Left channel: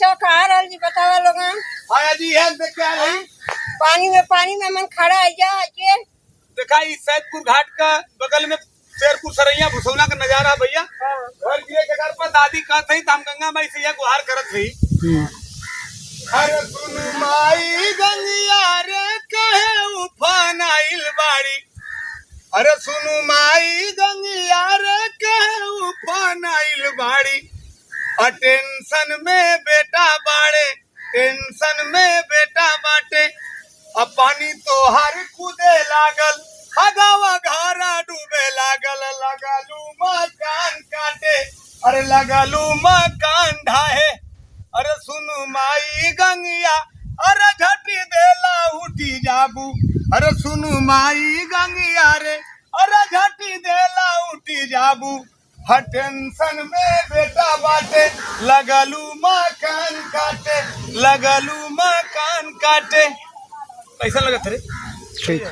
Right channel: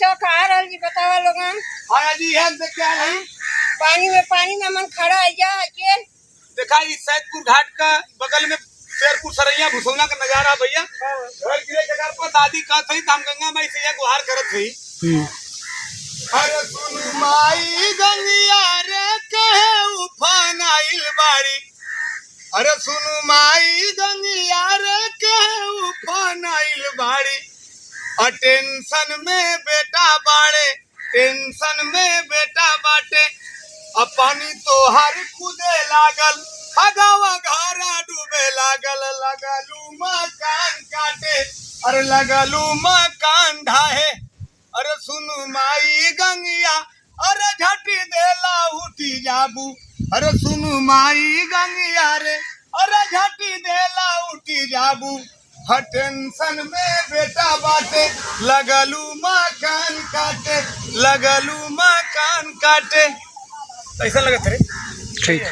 बच्चा कहाँ रहल जी बतावा लोगन। हाँ जी हम देख के आ रही पानी में मन खड़ा है जा के देखा इस सैदपुर घाट का बगल में शेरपुर सरैया भुसौना का नजारा भैया। घर गिरे जगह पर दादी का थी हम गंगा माई से गुहार करत थी। अरे सुन माई गंगिया रे कहे उफान आइल बाड़ी। अरे सुन माई गंगिया रे कहे उफान आइल बाड़ी। और टेंशन में बेटा बाड़े टेंशन में बेटा बाटे। अब पानी तो हर कूदे लागल हगावा घारा डूबे लागल लगालू मकान काटे। अरे लगालू मकान ढाहे। अरे सुनु माई गंगिया अरे झटी देला उठी जाबू। अरे सुनु माई गंगिया रे अरे झटी देला उठी जाबू। हर टेंशन में बेटा बाटे लगलू मकान काटे लगलू मकान काटे। कैसे लगे थे? ठीक।